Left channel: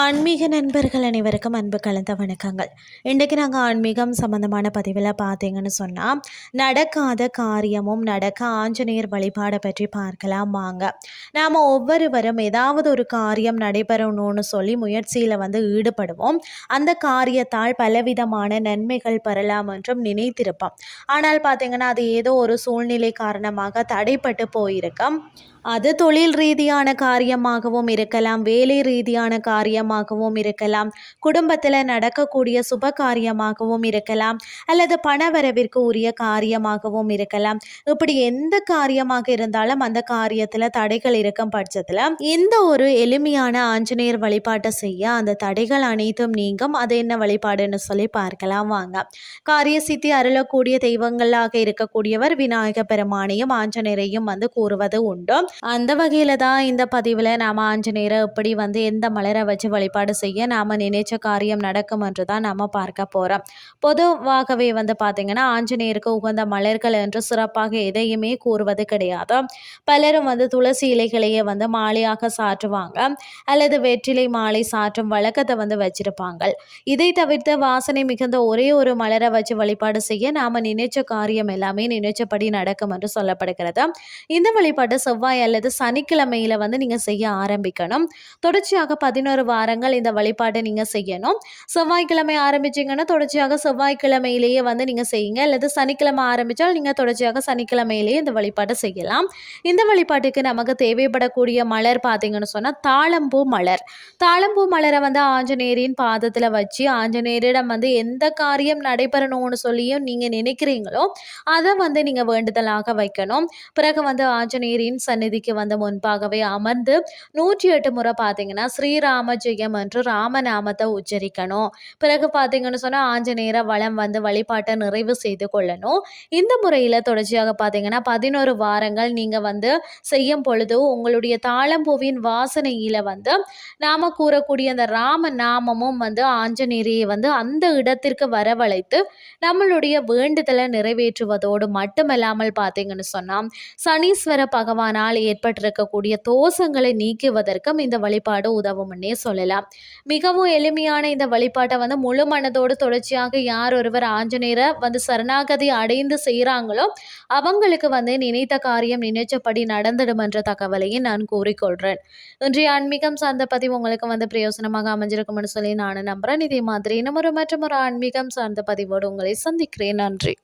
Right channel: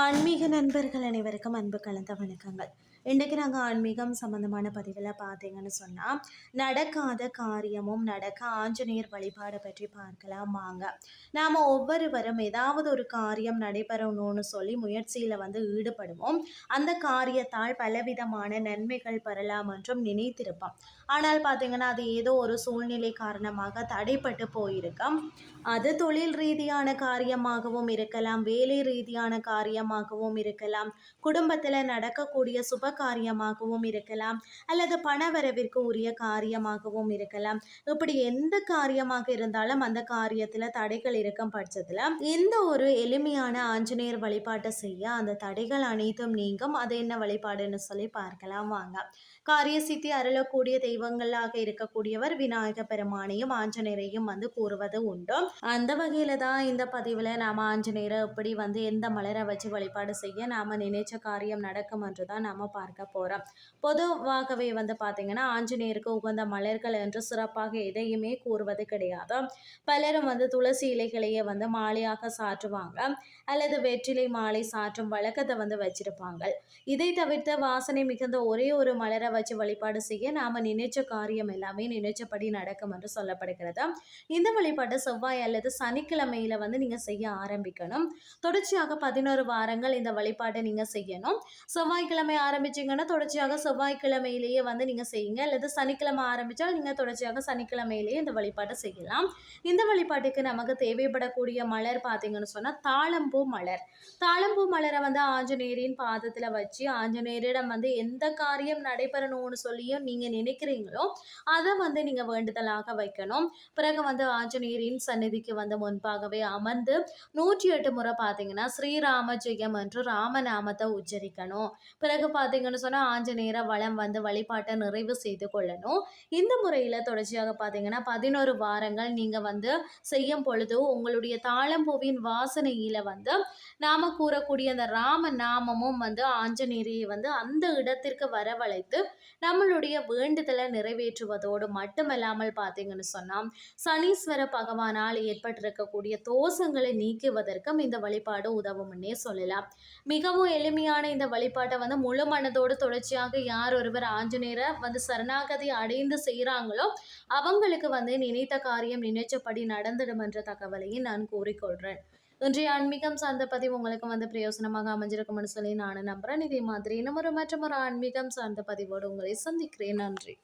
ஆன்மீக நண்பர்கள் அனைவருக்கும் அன்பு கலந்த வணக்கங்கள். இன்றைக்கு நாங்கள் ஆன்மீகம் சம்மந்தமான பதிவில் பார்த்தீங்கன்னு சொன்னால் நடக்காத காரியமும் நடக்க ஆஞ்சநேயர் வழிபாடை பற்றி பார்க்கலாம் வாங்க நாம் ஒவ்வொருவரும் ஏதாவது ஒரு காரியம் நடைபெறணும்னு சொல்லி முயற்சியில் வந்து ஈடுபடுவோம். அந்த காரியத்தால் பலவிதமான நன்மைகள் பெறலாம் என்றும் நினைத்திருப்போம். ஆனால் பார்த்தீங்கன்னா அது ஏதோ ஒரு சூழ்நிலை காரணமாக தடைப்பட்டு போயிருக்கோம். அது தொழில் ரீதியான காரியமாகவும் இருக்கலாம் வேலை ரீதியான காரியமாகவும் இருக்கலாம் குடும்பத்தில் நடக்கக்கூடிய சுப காரியமாகவும் இருக்கலாம் அல்லது பணவரவிற்கு உரிய காரியமாகவும் இருக்கலாம். இப்படி எந்த காரியமாக இருந்தாலும் அந்த காரியத்தில் தடைகள் இருக்கும் பட்சத்தில் இந்த ஒரு எளிமையான ஆஞ்சநேயர் வழிபாட்டை செய்ய அந்த தடைகள் அனைத்தும் நீங்கும். அது என்ன வழிபாடுன்னு சொல்லி பார்க்கலாம் வாங்க. காரிய சித்தி அருளக்கூடிய தெய்வங்களாக இருக்கக்கூடியவர் விநாயக பெருமானையும் ஆஞ்சநேயரையும் வந்து கூறுவது உண்டு. அந்த வகையில தான் இந்த பதிவில் நாம ஆஞ்சநேயரை எப்படி வந்து எந்த மலரை வச்சு வழிபாடு செய்ய நாம நினைச்ச காரியம் நடக்கும் என்று தான் நாம பார்க்க போறோம். பொதுவாகவே வந்து பார்த்தீங்கன்னா ஆஞ்சநேயருக்கு உகந்த மலர்கள் என்று சிறப்பாக எதையுமே கூறுவது கிடையாது. பலரும் வந்து துளசி இலைகளையே வந்து மாலையாக சாற்றுவாங்க. அல்லது வெற்றிலை மாலை சாற்றும் வழக்கத்தை வந்து வச்சிருப்பாங்க. இதை தவிர்த்து வாசனை மிகுந்த ஒரே ஒரு மலரை வச்சு வழிபாடு செய்ய நாம நினைச்ச காரியம் எல்லாமே நினைச்சபடி நடக்கும் என்று சொல்லப்படுகிறது. இந்த வழிபாடு செவ்வாய் அல்லது சனிக்கிழமையில் வந்து நீங்கள் செய்ய ஆரம்பிக்கணும். தொடர்ச்சியாக பதினோரு வாரங்கள் இந்த வழிபாட்டை நீங்கள் செய்யணும். செவ்வாய்க்கிழமை ஆரம்பிச்சிங்கன்னா தொடர்ச்சியாக செவ்வாய்க்கிழமையிலேயே வந்து நீங்கள் செய்யுங்க. அல்லது சனிக்கிழமை ஆரம்பித்தால் நீங்கள் தொடர்ச்சியாக சனிக்கிழமையிலேயே இந்த வழிபாட்டை செய்யலாம். இந்த வழிபாட்டுக்கு நமக்கு தேவைப்படக்கூடிய மலர் பார்த்தீங்கன்னு சொன்னால் தாளம்பூ மலர். தாளம்பூ மலரை வந்து ஆஞ்சநேயரின் பாதத்தில் வச்சு ஆஞ்சநேயரிடம் வந்து எந்த காரியம் நடைபெறணும்னு சொல்லியும் நீங்கள் நினைக்கிறீங்களோ அதை வந்து நீங்கள் வேண்டுதலாக வைக்கணும். பிறகு வந்து ஆஞ்சநேயரின் சந்நிதிக்கு வந்து முன்பாகவே அமர்ந்து நூற்றி எட்டு முறை பார்த்தீங்கன்னா ஸ்ரீராம ஜெயம் என்று ராமநாமத்தை உச்சரிக்கணும். பிறகு பார்த்தீங்கன்னு சொன்னால் ஆஞ்சநேயர வளம் வந்து வழிபாட்டை நிறைவு செய்து கொள்ளணும். இந்த முறையில் தொடர்ச்சியாக பார்த்தீங்கன்னா பதினோரு வாரங்கள் நீங்கள் வந்து செய்யும் பொழுது உங்களுடைய தாளம்பூவின் வாசனையில் வந்து நாம் கூறக்கூடிய அந்த ராம நாமமும் வந்து ஆஞ்சநேயரையை வந்து அந்த இடத்திற்கு வரவழைத்து நம்மளுடைய வேண்டுதலை நிறைவேற்றுவதோடு மட்டுமல்லாமல் பார்த்தீங்கன்னு சொன்னால் சனீஸ்வர பகவானால் ஏற்பட்டிருக்கக்கூடிய தோஷங்களை நீக்குவதற்கும் இந்த வழிபாடு உதவும்னே சொல்லலாம். மிகவும் எளிமையான இந்த வழிபாட்டை வந்து முழு மனதோடு தொடர்ச்சியாக யார் ஒருவர் ஆஞ்சநேயரை வந்து சரணாகதி அடைந்து செய்கிறாங்களோ அவங்களுக்கு வந்து நினைத்த காரியம் நினைச்சபடி நடந்துடும் என்ற தகவலையும் நான் கூறிக்கொள்கிறேன் இன்றைய ஆன்மீகம் சார்ந்த பதிவு உங்களுக்கு வந்து பிரயோசனமாக அமைஞ்சிருக்கும்னு சொல்லி நான் நம்புகிறேன் இதே மாதிரி இன்னும் ஒரு மற்றும் ஒரு ஆன்மீகம் சார்ந்த பதிவோடு உங்களை சந்திக்கிறேன். நன்றி.